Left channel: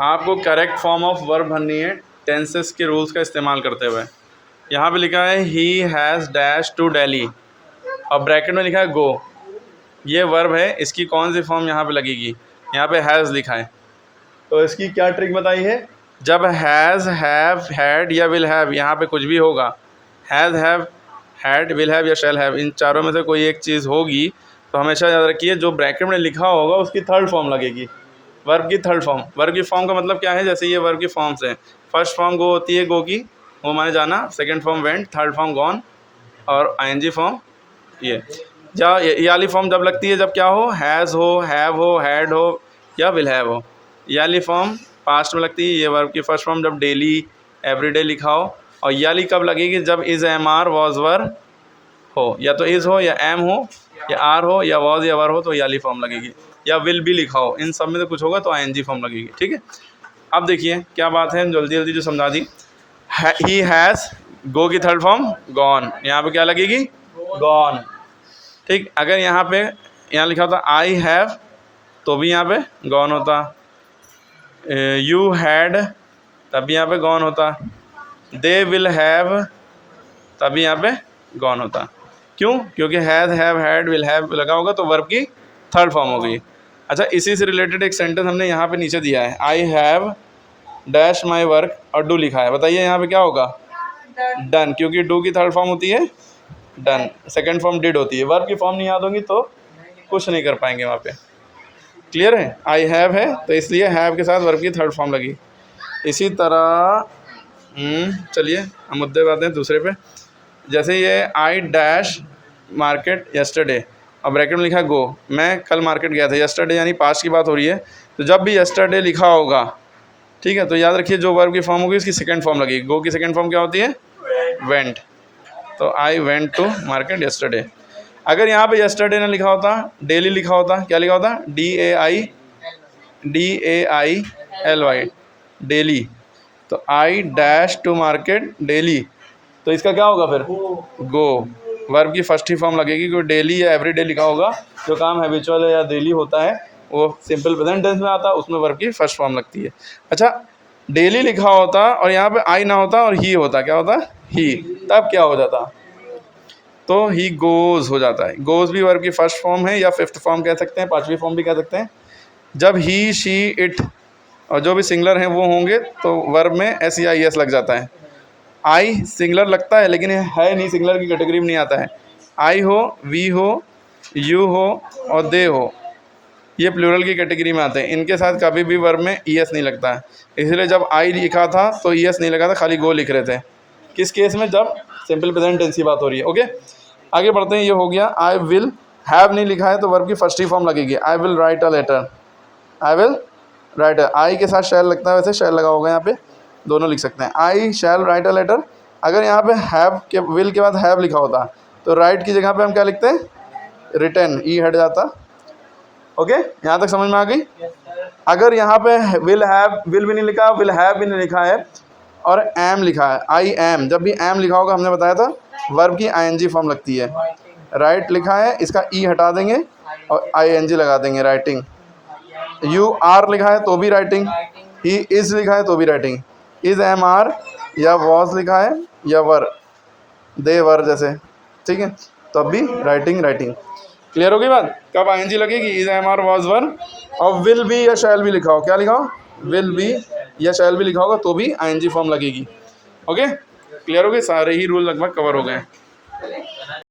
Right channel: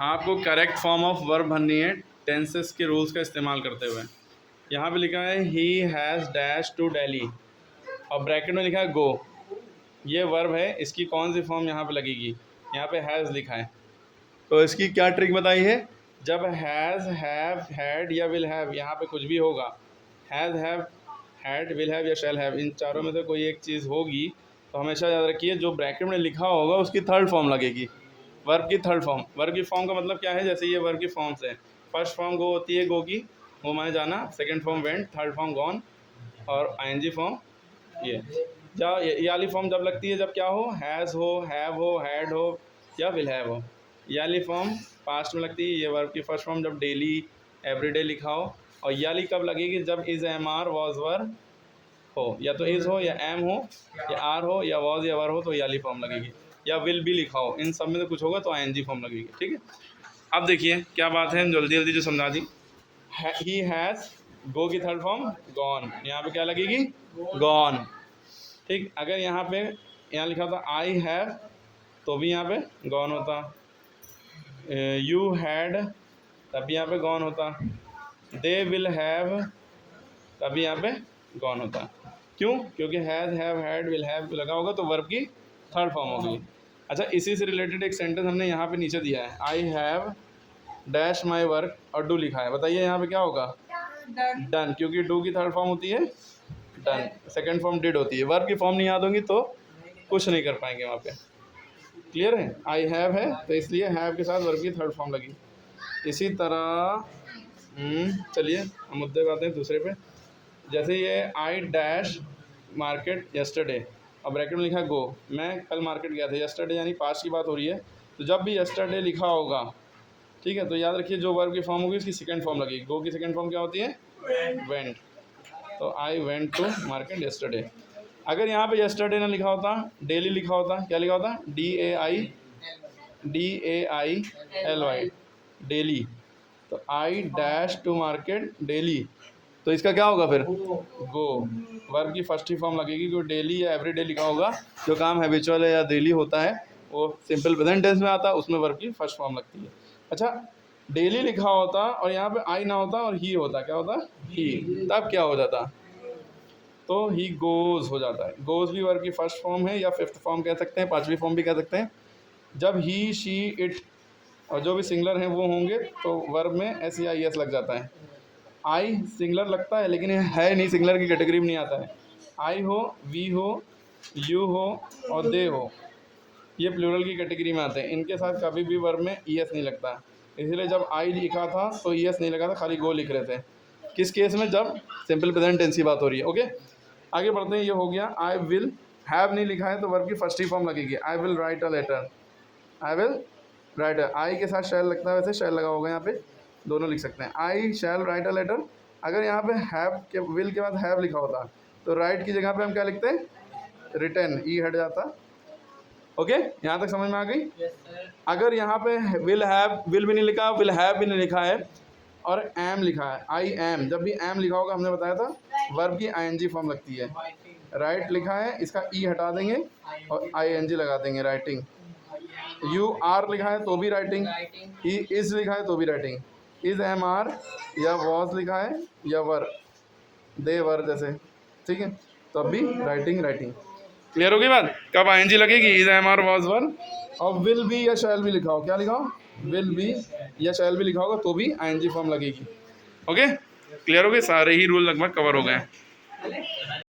आपको correct form of verb भरनी है टेंसेस के रूल्स का इस्तेमाल करते हुए। यहाँ पे लिखा है he has dash to Delhi और ब्रैकेट में लिखा है गो। ये वर्ब है, इसकी कौन सी फॉर्म यहाँ पे लगेगी? यहाँ पे हैज़ लिखा है, तो इसकी क्या ट्रिक बताई है? जब हैज़, हैव, हैड या विल हैव, यहाँ पे कुछ भी होगा, has, have, had, will have या शैल हैव, इन चारों में से कोई एक चीज़ होगी तो हमेशा याद रखिए जो ब्रैकेट में लिखा होगा उसकी थर्ड फॉर्म लगेगी, वर्ब की थर्ड फॉर्म। वर्ब की फॉर्म का मतलब क्या है? जैसे ये वर्ब की फॉर्म्स हैं, फर्स्ट फॉर्म गो होती है, गो की, वो माने जाना, second form went, third form gone और आईएनजी फॉर्म ये। ये वाली फॉर्म जब लगती है जब क्या हो? हैज़ हो, हैव हो, हैड हो या विल हैव हो। ये वाली फॉर्म पास्ट में लगती है। ये वर्ब की फर्स्ट फॉर्म जब डेली, एवरीडे लिखा हो। और ये वाली कब लगेगी? जब इज़, एम, आर, वॉज, वर हो, या तो इज़ हो या एम हो या आर हो या वॉज या वर हो तो ये वाली फॉर्म लगेगी, या विल भी लिखा हो, इन सब में से कुछ होगा तो आईएनजी फॉर्म लगेगी। ठीक है, अब देखिए क्या बात है, जल्दी जल्दी जो समझा दी। ही हैज़, गो की थर्ड फॉर्म गॉन, यहाँ पे क्या लगेगी? गॉन। ठीक, अगर यहाँ पे यहाँ लिखा होता आई हैव तो भी यहाँ पे गॉन होता, यू हैड तब भी यहाँ पे गॉन होता, दे विल हैव तब भी यहाँ पे गॉन होता। क्यों? क्योंकि has, have, had, will have लगा होगा तो वर्ब की थर्ड फॉर्म हो गई। अच्छा, इसी से रिलेटेड एक सेंटेंस हमने यहाँ पे नीचे दिया है, I have dash my work और डू लिखा है। बताइए यहाँ पे क्या होगा? डन, क्योंकि डू की थर्ड फॉर्म होती है डन, सेकंड फॉर्म डिड होती है। वर्ब की फॉर्म नहीं याद होंगी तो कुछ नहीं कर पाएंगे वहाँ पे। क्लियर है? आई हैव है तो इसलिए हैव के साथ वर्ब की थर्ड फॉर्म लगी। इसी तरह चलिए हम मुद्दे पे आते हैं दूसरे पे। जैसे ये आई डैश मार्केट यस्टरडे और ब्रैकेट में लिखा गो, मैं कल मार्केट गया था, यस्टरडे यानी पास्ट की बात हो रही है, तो जब भी यस्टरडे लिखा होगा, ठीक है, तो याद रखिए जो वर्ब की फॉर्म होगी उसकी सेकंड फॉर्म लगेगी। गो की सेकंड फॉर्म क्या होती है? वेंट। तो I went to market yesterday. अगर यहाँ पे यस्टरडे ना लिखा होता, डेली लिखा होता, क्या लिखा होता? DAILY, daily. तो I dash to market daily, तो इसका क्या होगा फिर? गो। वर्ब की फर्स्ट ही फॉर्म लगेगी, क्योंकि डेली या एवरीडे लिखा होगा, जो काम हैबिचुअल या डेली होता है वो सिंपल प्रेजेंट टेंस में आता है, उसमें वर्ब की फर्स्ट फॉर्म लगती है। अच्छा, डेली लिखा होता और यहाँ पे आई ना होता और ही होता, क्या होता? ही, तब क्या हो जाता? तो ही गोज़ हो जाता है। गोज़ भी वर्ब की फर्स्ट फॉर्म है या फिफ्थ फॉर्म कह सकते हैं, पांचवी फॉर्म भी कह सकते हैं। जब ही, शी, इट और जो भी सिंगुलर हैं वो होंगे तो वर्ब में एस या एस लग जाता है। आई सिंगुलर लगता है लेकिन है नहीं, सिंगुलर की कैटेगरी में नहीं आता है। आई हो, वी हो, यू हो और दे हो, ये प्लूरल की कैटेगरी में आते हैं। इनके साथ कभी भी वर्ब में ई एस नहीं लगता है, इसलिए जब आई लिखा था तो ई एस नहीं लगा था, खाली गो लिख रहे थे। किस केस में? जब सिंपल प्रेजेंट टेंस की बात हो रही है। ओके, आगे बढ़ते हैं। ये हो गया। आई विल हैव नहीं लिखा है तो वर्ब की फर्स्ट ही फॉर्म लगेगी, I will write a letter, I will write. I के साथ शैल लगता है, वैसे शैल लगा होगा यहाँ पे, दोनों लिख सकते हैं। आई शैल राइट अ लेटर। अगर यहाँ पे हैव के, विल के बाद हैव लिखा होता तो राइट की जगह पे हम क्या लिखते हैं? रिटन, ई हट जाता। ओके, यहाँ तक समझ में आ गई? अगर यहाँ पे विल हैव, विल भी नहीं लिखा, विल हैव भी नहीं लिखा है और एम लिखा है, आई एम, जब भी एम लिखा होगा हमने बताया था वर्ब की आईएनजी फॉर्म लगती है। राइट लिखा है, इसका ई हटा देंगे और आईएनजी लगा देंगे, राइटिंग। यू आर लिखा है तो भी राइटिंग, ही इज़ लिखा है तो भी राइटिंग, इज़, एम, आर या वॉज लिखा है या वर, दे वर जैसे, ठीक है, तो अब भी राइटिंग राइटिंग। क्लियर होगी बात? कब आईएनजी लगेगी? इज़, एम, आर, वॉज, वर। और विल बी या शैल भी लिखा हो, क्या लिखा हो? विल बी या शैल भी लिखा होगा तो भी आईएनजी फॉर्म लगेगी। ओके, क्लियर हो गए? सारे ही रूल लगभग कवर हो गए।